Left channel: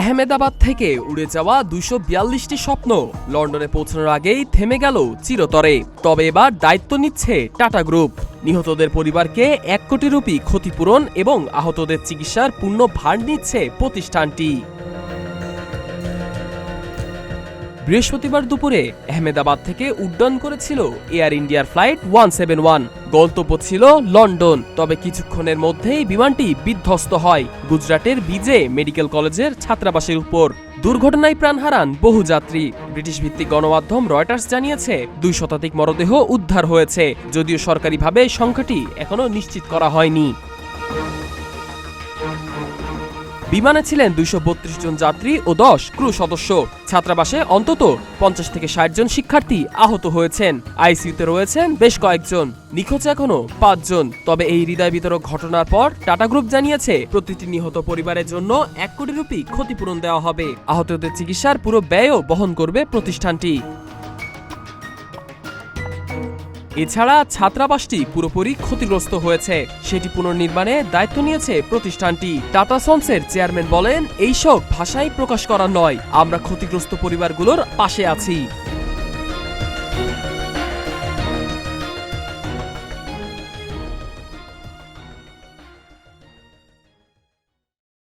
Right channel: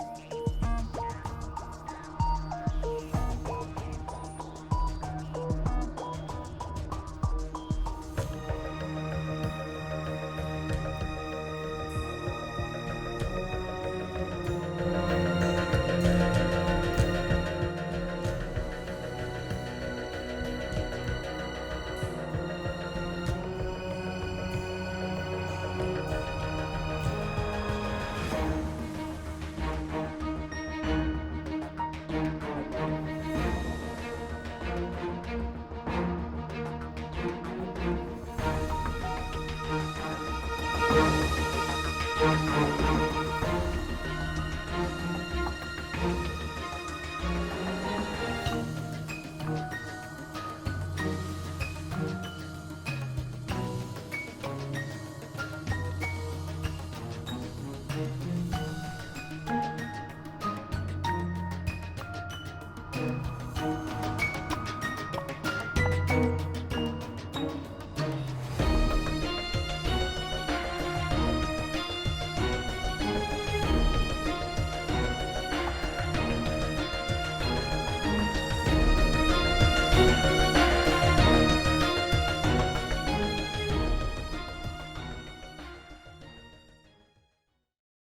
আহমেদাবাদ থেকে উড়ে যাওয়া ২৪২টি স্বপ্ন লন্ডনে পৌঁছানোর আগেই থেমে গেল চিরতরে। তবে এবার দায়িত্ব নিচ্ছে টাটা গ্রুপ। নিহতদের পরিবারকে ১ কোটি রুপি ক্ষতিপূরণ এবং আহতদের চিকিৎসার পূর্ণ ভার নিচ্ছে প্রতিষ্ঠানটি। বৃহস্পতিবার দুপুরে আহমেদাবাদ থেকে উড্ডয়ন করেছিল এয়ার ইন্ডিয়ার ফ্লাইট 171। গন্তব্য ছিল লন্ডন। তবে কিছুক্ষণের মধ্যেই বিমানটি বিধ্বস্ত হয় গুজরাটের বিজে মেডিকেল কলেজের ছাত্রাবাসের উপর। দুর্ঘটনায় প্রাণ হারান বহু যাত্রী। ব্রিটিশ ভিত্তিক গণমাধ্যম রয়টার্স জানিয়েছে ২ শতাধিক মরদেহ উদ্ধার হয়েছে, যদিও সরকারিভাবে সংখ্যাটি এখনো নিশ্চিত করা হয়নি। বিমানে ছিলেন ২৩২ জন যাত্রী ও ১০ ক্রু সদস্য। ছাত্রাবাসে অন্তত ৫০ থেকে ৬০ জন শিক্ষার্থী আহত হয়েছেন। আইসিইউতে রয়েছেন বেশ কয়েকজন। নিখোঁজ এখনো ৫ জন। তবে এই হৃদয় বিতরক ঘটনার পর টাটা গ্রুপ জানিয়েছে প্রতিটি নিহত পরিবারের জন্য ১ কোটি রুপি ক্ষতিপূরণ দেওয়া হবে। আহতদের চিকিৎসার পুরো ব্যয়ও বহন করবে প্রতিষ্ঠানটি। এছাড়া ছাত্রাবাসটি পুরোপুরি ক্ষতিগ্রস্ত হয়েছে, সেটি পুনর্নির্মাণে দায়িত্ব নিয়েছে প্রতিষ্ঠানটি। টাটা সন্সের চেয়ারম্যান বলেন, এইসব ভাষায় প্রকাশ করা নয়, আমরা ক্ষতিগ্রস্ত পরিবারগুলোর পাশে আছি।